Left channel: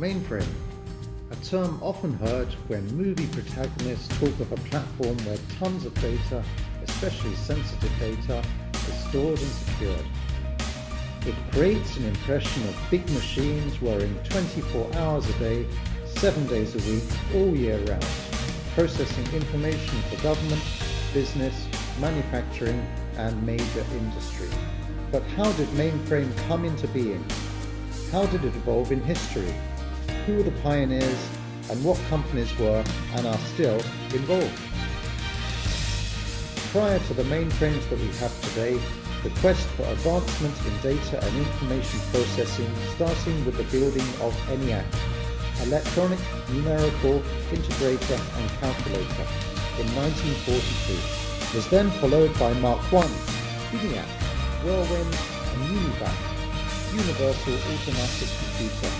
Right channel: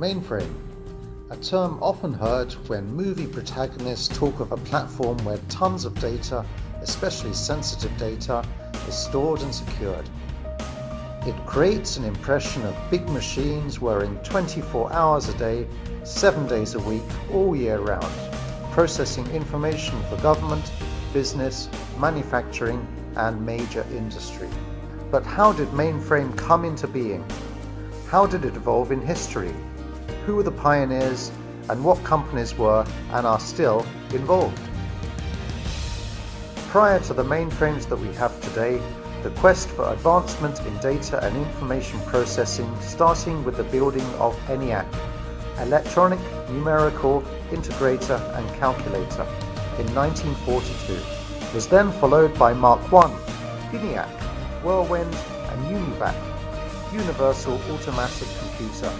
Mainframe, a term often heard when movie protagonists talk of a platform where tons of data, especially sensitive data, is stored and secured. It creates an impression of big machines whirring 24 hours a day, 7 days a week, all year round, processing information for government, business, manufacturing, and major industry. But how did Mainframe come into being? How did it evolve in history? Who were the pioneers, and what companies were and are still involved? Prior to the mainframes that we have today, the quest for advancement in data and information processing, starting with the building of ENIAC, Electronic Numerical Integrator and Calculator, in 1942, was then followed by Mark I, ENIAC, Whirlwind, and UNIVAC, Universal Automatic Computer,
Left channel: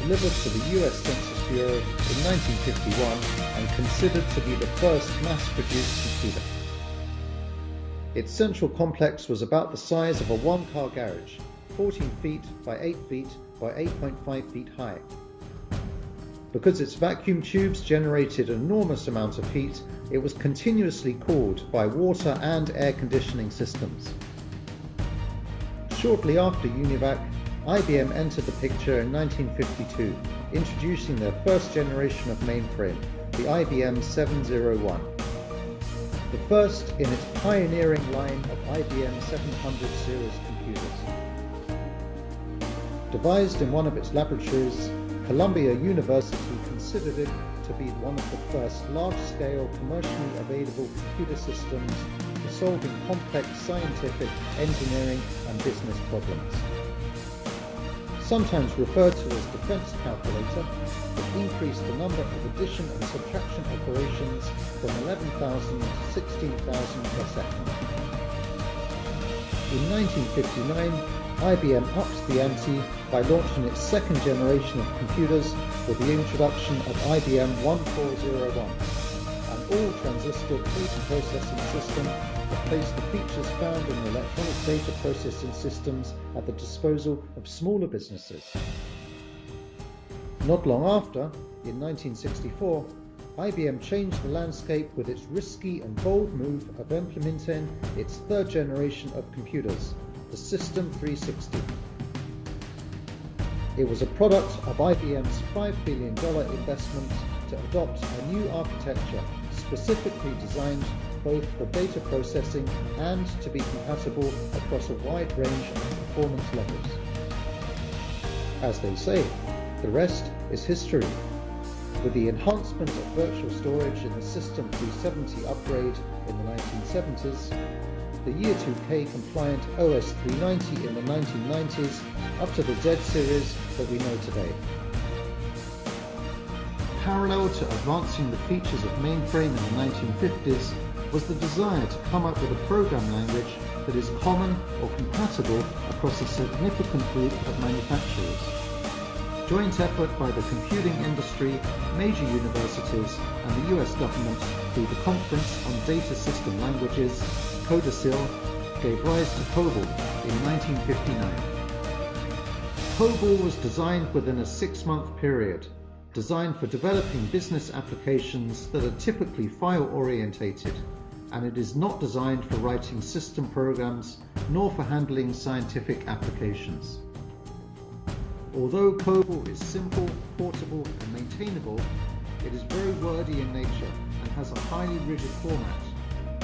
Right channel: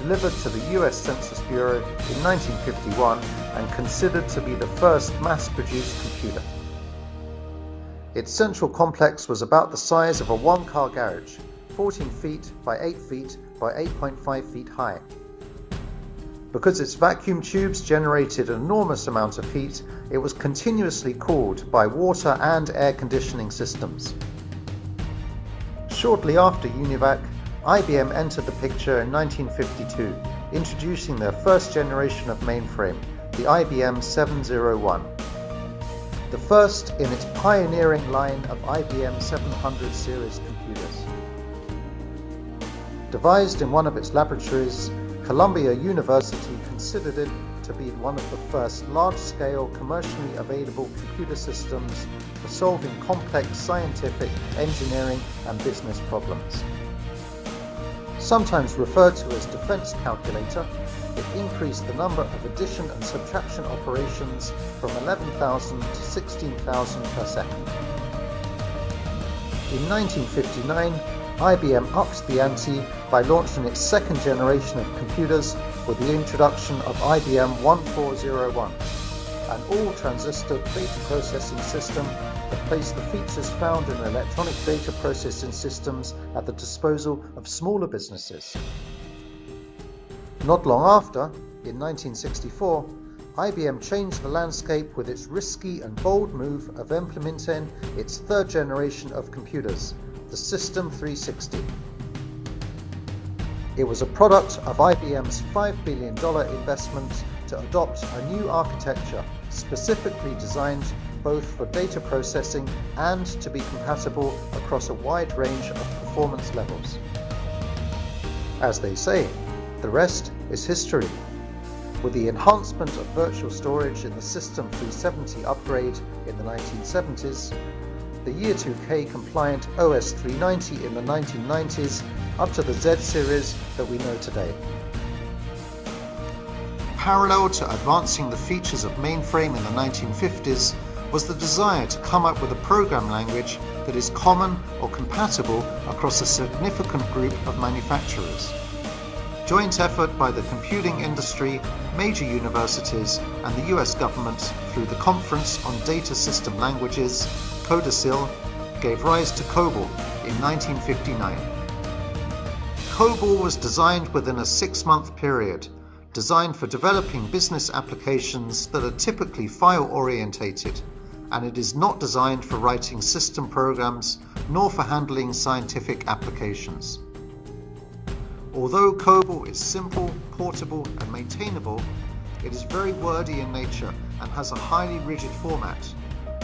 delivered to the US Census Bureau in 1951 and considered to be the first mass-produced computer. Its central complex was about the size of a one-car garage, 14 feet by 8 feet by 8.5 feet high. Because its vacuum tubes generated an enormous amount of heat, it was continuously cooled by water and air conditioning systems. Shortly after UNIVAC, IBM entered the picture in 1952, introducing their first generation of mainframe, the IBM 701. The first in its pioneering line of IBM 700 series computers. Devised in one of its laboratories, Columbia University considered it to be one of the first large-scale commercially available computer systems for solving complex scientific, engineering, and business problems. Sometimes referred to as defense calculator, it increased the number of addition and subtraction operations from 11,000 to 16,000 per second. In 1959, IBM upped the ante by launching its second generation of computers with the introduction of IBM 1401, an all-transistor data processing system that placed the features found in electronic data processing systems at the disposal of smaller businesses. Not long after, in 1964, IBM changed the landscape with its risky and bold move of implementing its third generation of computers, the System 360. It was a product of IBM's $5 billion investment to adopt a new architecture specifically designed both for data processing and to be compatible across a wide range of performance levels. As they say, the rest is history. With the enhancement of virtual storage in the System 370 upgrade in the 1970s, the Year 2K compliant OS 390 in the 1990s, up to the Z series that we know today. Parallel to advancing the features of mainframe in the 1950s was the desire to come up with a program language that is common or compatible across a significant group of manufacturers. Joint effort by the computing industry, major universities, and the US government through the Conference on Data System Languages, CODASIL, gave rise to Cobol in 1959. Cobol was designed within a 6-month period, designed for developing business applications that are typically file-orientated, and it is not designed for writing system programs nor for handling scientific applications. Although Cobol is simple, portable, and maintainable, it is very wordy in nature and has a highly rigid format,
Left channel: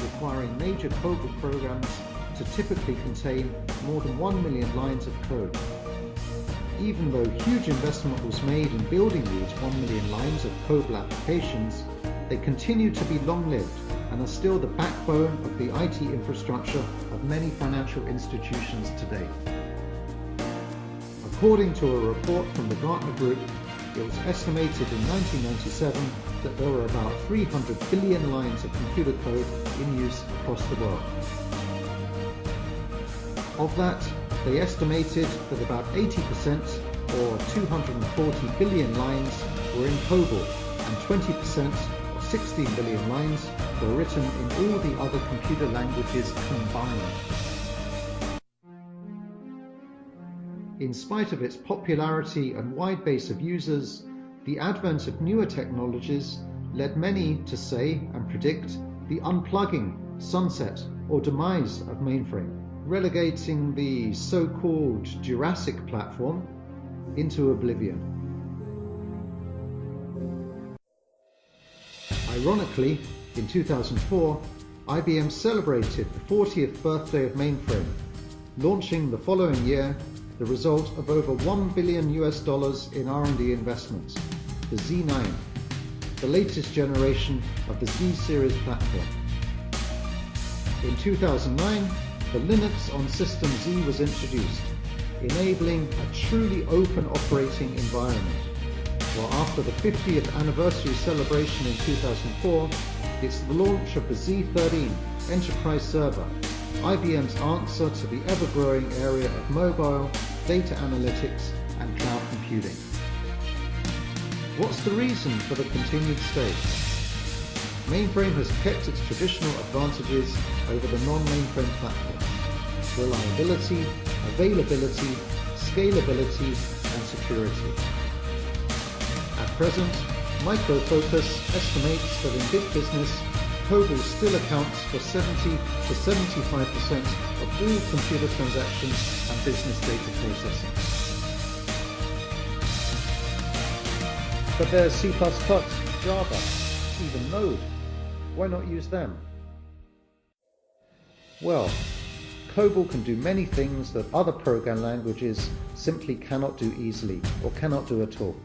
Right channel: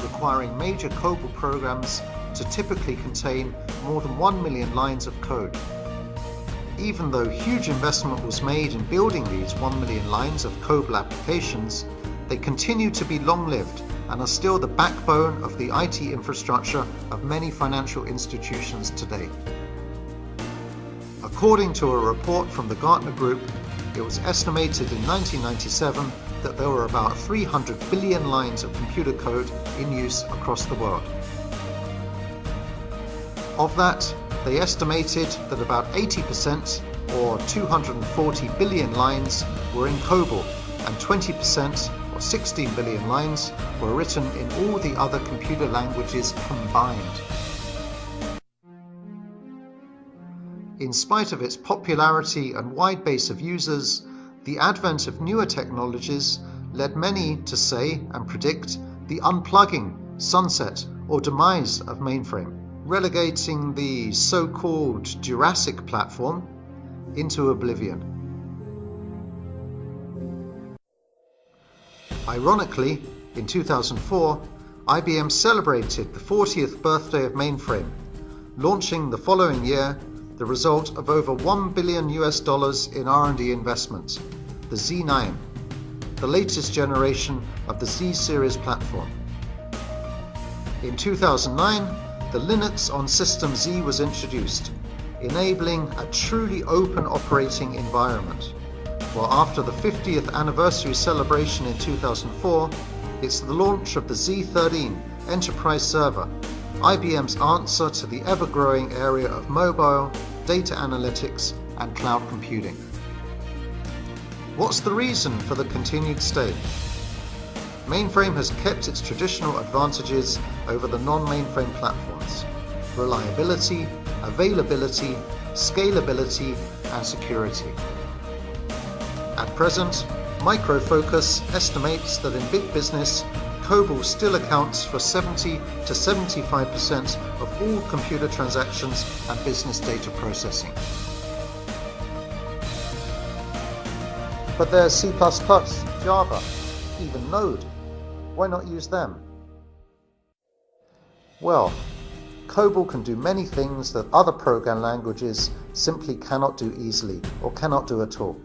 requiring major Cobol programs to typically contain more than 1 million lines of code. Even though huge investment was made in building these 1 million lines of Cobol applications, they continue to be long-lived and are still the backbone of the IT infrastructure of many financial institutions today. According to a report from the Gartner Group, it was estimated in 1997 that there were about 300 billion lines of computer code in use across the world. Of that, they estimated that about 80%, or 240 billion lines, were in Cobol, and 20%, or 16 billion lines, were written in all the other computer languages combined. In spite of its popularity and wide base of users, the advent of newer technologies led many to say and predict the unplugging, sunset, or demise of mainframe, relegating the so-called Jurassic platform into oblivion. Ironically, in 2004, IBM celebrated the 40th birthday of mainframe, launching the following year the result of over $1 billion in R&D investment, the Z9, the latest generation of the Z series platform. In 2009, the Linux on System Z was introduced, enabling a truly open operating environment. While after the 50th anniversary celebration in 2004, it's the launch of the Z13 enterprise server, IBM's answer to the ever-growing area of mobile, data analytics, and cloud computing. What's the reason for the continued stay? Mainframe has kept its traditional advantages over the non-mainframe platforms: reliability, availability, scalability, and security. At present, Micro Focus estimates that in big business, Cobol still accounts for 70 to 75% of all computer transactions and business data processing. But there's C++, Java, even Node. Why not use them? Well, Cobol can do many things that other program languages simply cannot do easily or cannot do at all.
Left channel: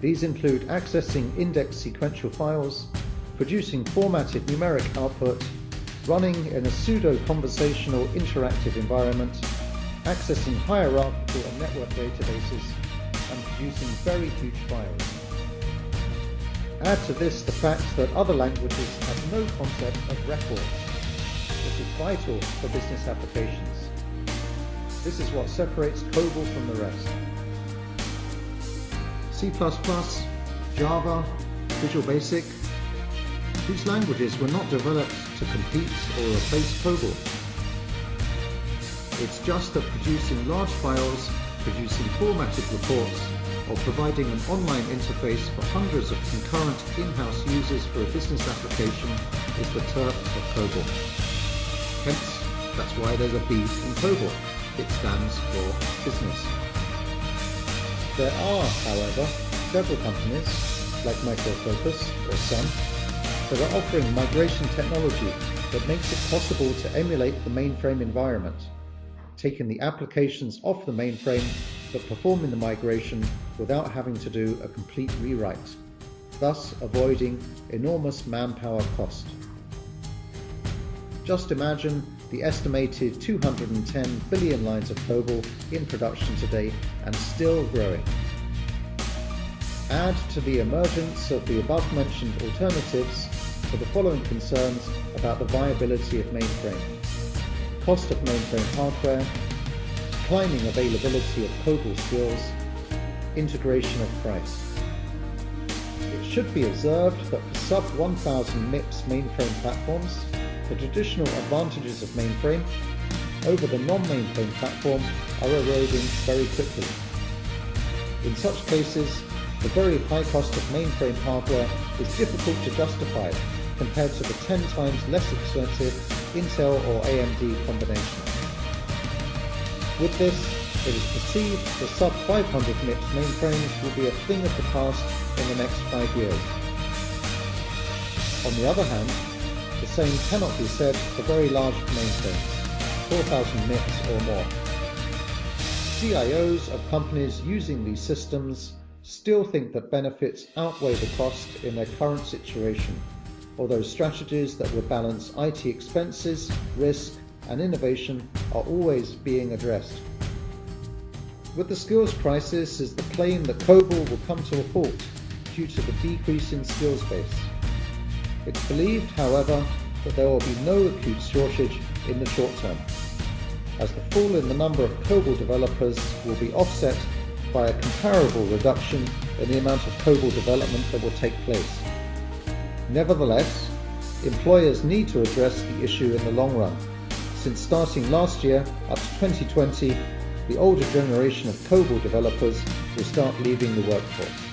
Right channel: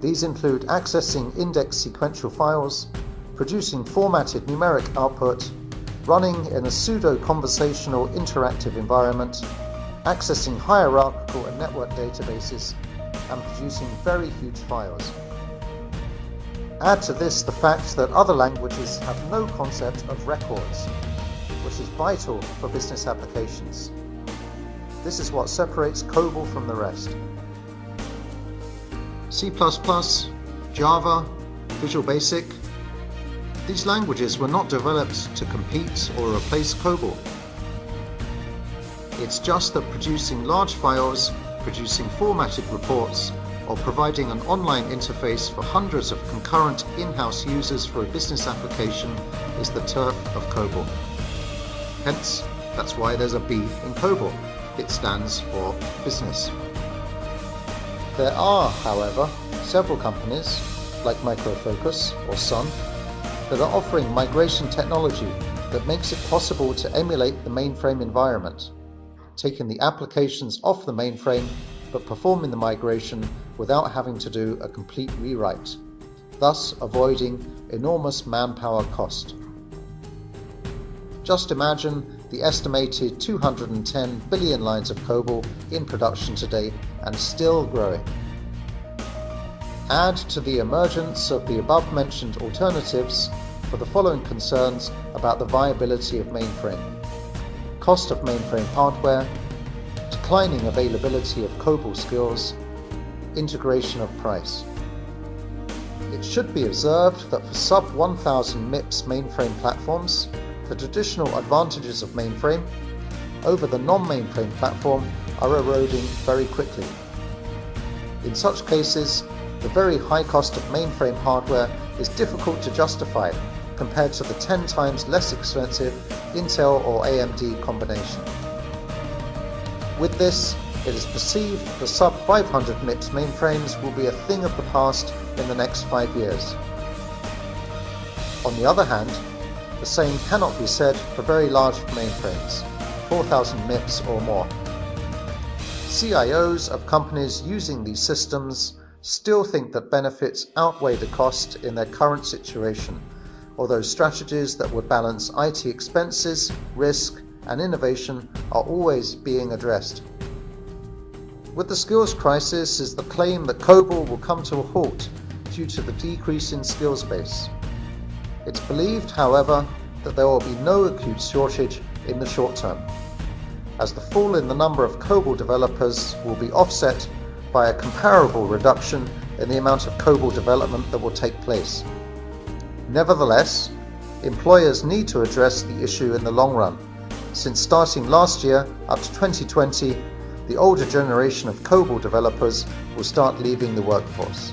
These include accessing indexed sequential files, producing formatted numeric output, running in a pseudo-conversational interactive environment, accessing hierarchical and network databases, and producing very huge files. Add to this the fact that other languages have no concept of records, which is vital for business applications. This is what separates Cobol from the rest. C++, Java, Visual Basic, these languages were not developed to compete or replace Cobol. It's just that producing large files, producing formatted reports, or providing an online interface for hundreds of concurrent in-house users for a business application is the turf of Cobol. Hence, that's why there's a B in Cobol. It stands for business. There are, however, several companies, like Micro Focus or Sun, that are offering migration technology that makes it possible to emulate the mainframe environment, taking the applications off the mainframe but performing the migration without having to do a complete rewrite, thus avoiding enormous manpower cost. Just imagine the estimated 210 billion lines of Cobol in production today and still growing. Add to the emergence of the above-mentioned alternatives for the following concerns about the viability of mainframe: cost of mainframe hardware, declining availability of Cobol skills, integration of price. It should be observed that for sub-1000 MIPS mainframe platforms, the traditional advantages of mainframe over the non-mainframe platform are eroding very quickly. In such cases, the very high cost of mainframe hardware is difficult to justify compared to the 10 times less expensive Intel or AMD combination. With this, it is perceived the sub-500 MIPS mainframes will be a thing of the past in the next 5 years. On the other hand, the same cannot be said for very large mainframes, 4000 MIPS or more. CIOs of companies using these systems still think that benefits outweigh the cost in their current situation, although strategies that would balance IT expenses, risk, and innovation are always being addressed. With the skills crisis is the claim that Cobol will come to a halt due to the decrease in skills base. It's believed, however, that there will be no acute shortage in the short term, as the fall in the number of Cobol developers will be offset by a comparable reduction in the amount of Cobol development that will take place. Nevertheless, employers need to address the issue in the long run, since starting last year up to 2020, the older generation of Cobol developers will start leaving the workforce.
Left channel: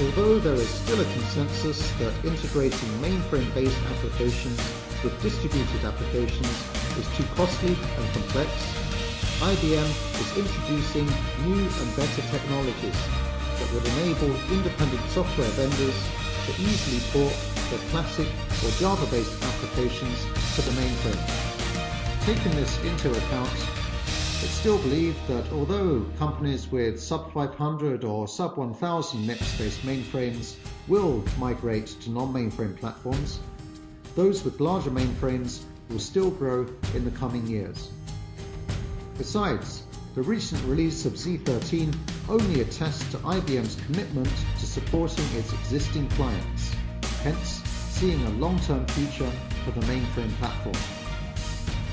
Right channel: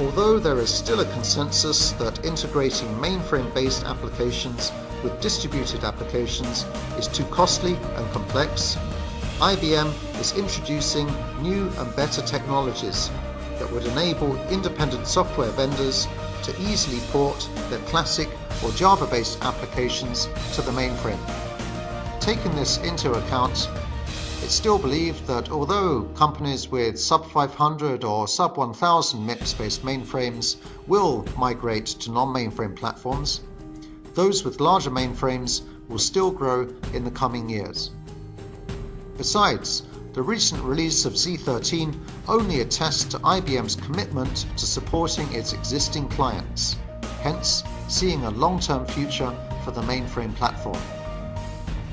Although there is still a consensus that integrating mainframe-based applications with distributed applications is too costly and complex, IBM is introducing new and better technologies that would enable independent software vendors to easily port their classic or Java-based applications to the mainframe. Taking this into account, it's still believed that although companies with sub 500 or sub 1000 MIPS-based mainframes will migrate to non-mainframe platforms, those with larger mainframes will still grow in the coming years. Besides, the recent release of Z13 only attests to IBM's commitment to supporting its existing clients, hence seeing a long-term future for the mainframe platform.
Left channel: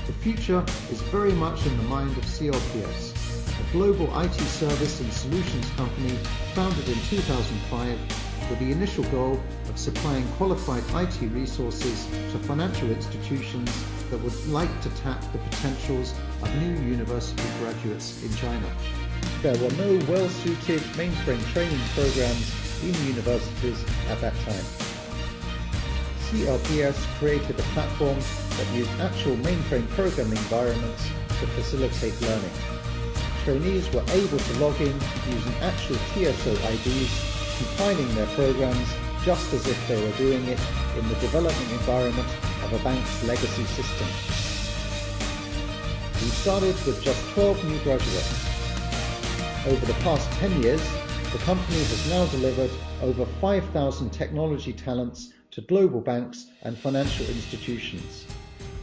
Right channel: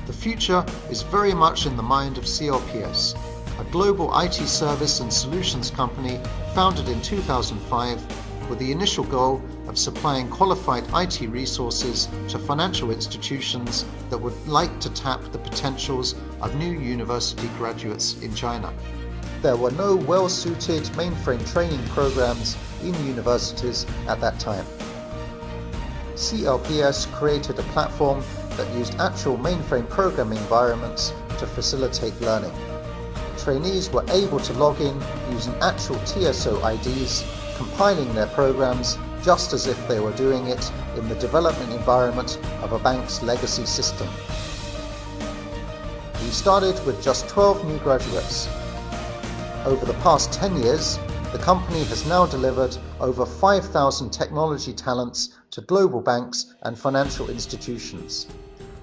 The future is very much in the mind of CLPS, a global IT service and solutions company founded in 2005 with the initial goal of supplying qualified IT resources to financial institutions that would like to tap the potentials of new university graduates in China. There were no well-suited mainframe training programs in universities at that time. CLPS created a platform that used actual mainframe programming environments to facilitate learning. Trainees were able to log in using actual TSO IDs, compiling their programs just as if they were doing it in the development environment of a bank's legacy system. We started with just 12 new graduates. Over the past 10 years, the company has now delivered over 5,000 technology talents to global banks and financial institutions,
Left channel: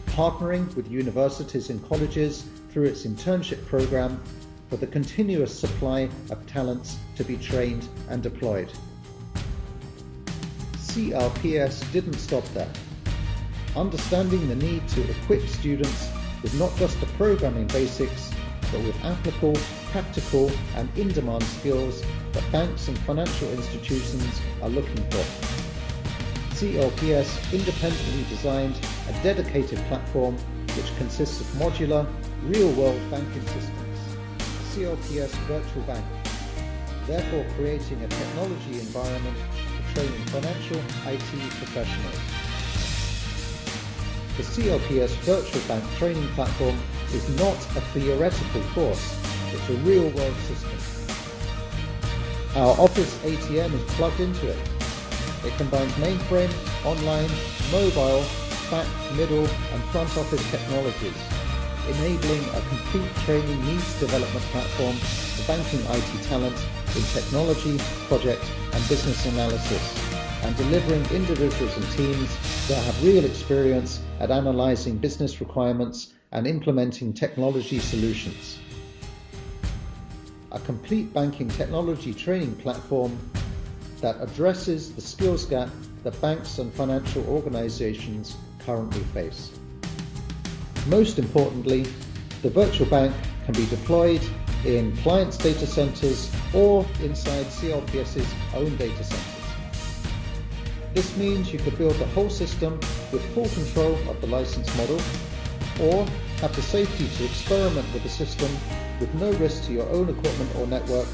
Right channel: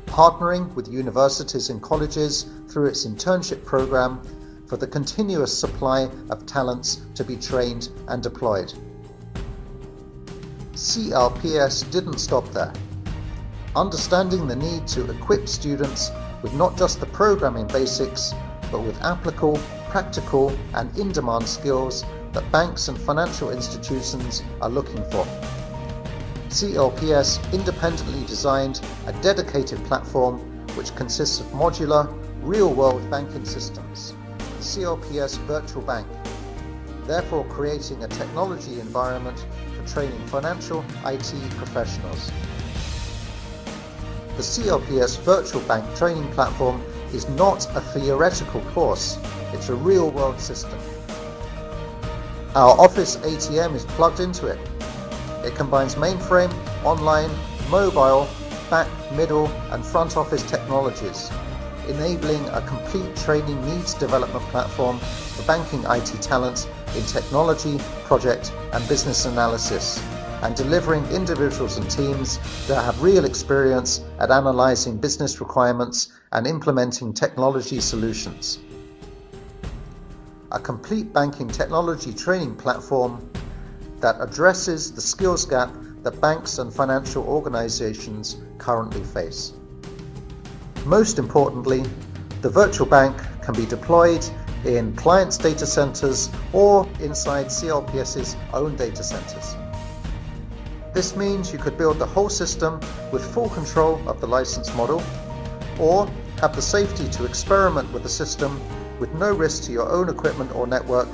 partnering with universities and colleges through its internship program for the continuous supply of talents to be trained and deployed. CLPS didn't stop there. Understanding the need to equip students with not just the programming basics, but with applicable, practical and in-demand skills that banks and financial institutions are looking for. CLPS independently designed a dedicated platform which consists of modular, real-world banking systems, the CLPS Virtual Bank, therefore creating a technology environment for training financial IT professionals. The CLPS Virtual Bank training platform is not a theoretical course, it's a real-world system. Our Office ATM is plugged into it. It combines mainframe, online, mobile, back, middle and front office technologies, enabling a complete training needs development platform for banking IT talent in technology, project and business analysis, and delivering individuals and teams that have real experience at analyzing business requirements and implementing technology solutions. A complete banking technology training platform that addresses the skills gap that banks and financial organizations currently face. Most importantly, the virtual bank can be deployed in clients' data centers or inside CLPS's own data centers. This means you could build the whole system with full control of the license model, or have the safety to experiment with the system with no risk to your own equipment or network,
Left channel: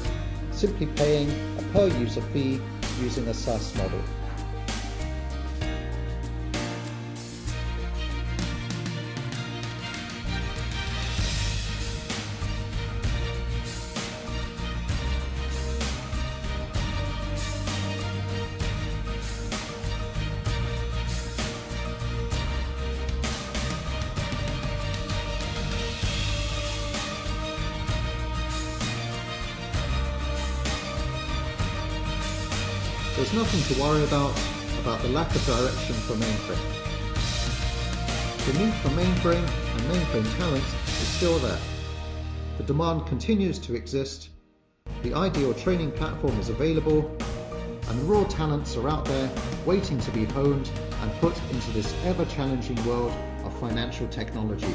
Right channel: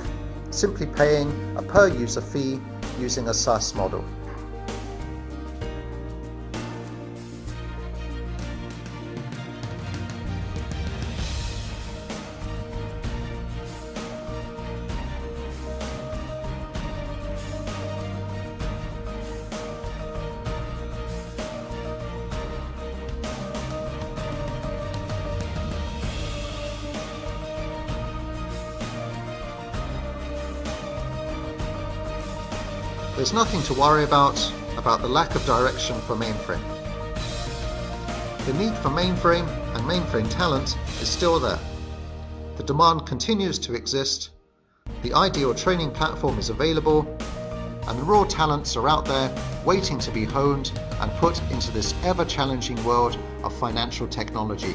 simply paying a per-user fee using a SaaS model. There's nothing to worry about the lack of direction for mainframe. The need for mainframe and mainframe talent is still there. The demand continues to exist, the ideal training platform is available, and the raw talents are out there waiting to be honed and put into this ever-challenging world of financial technology.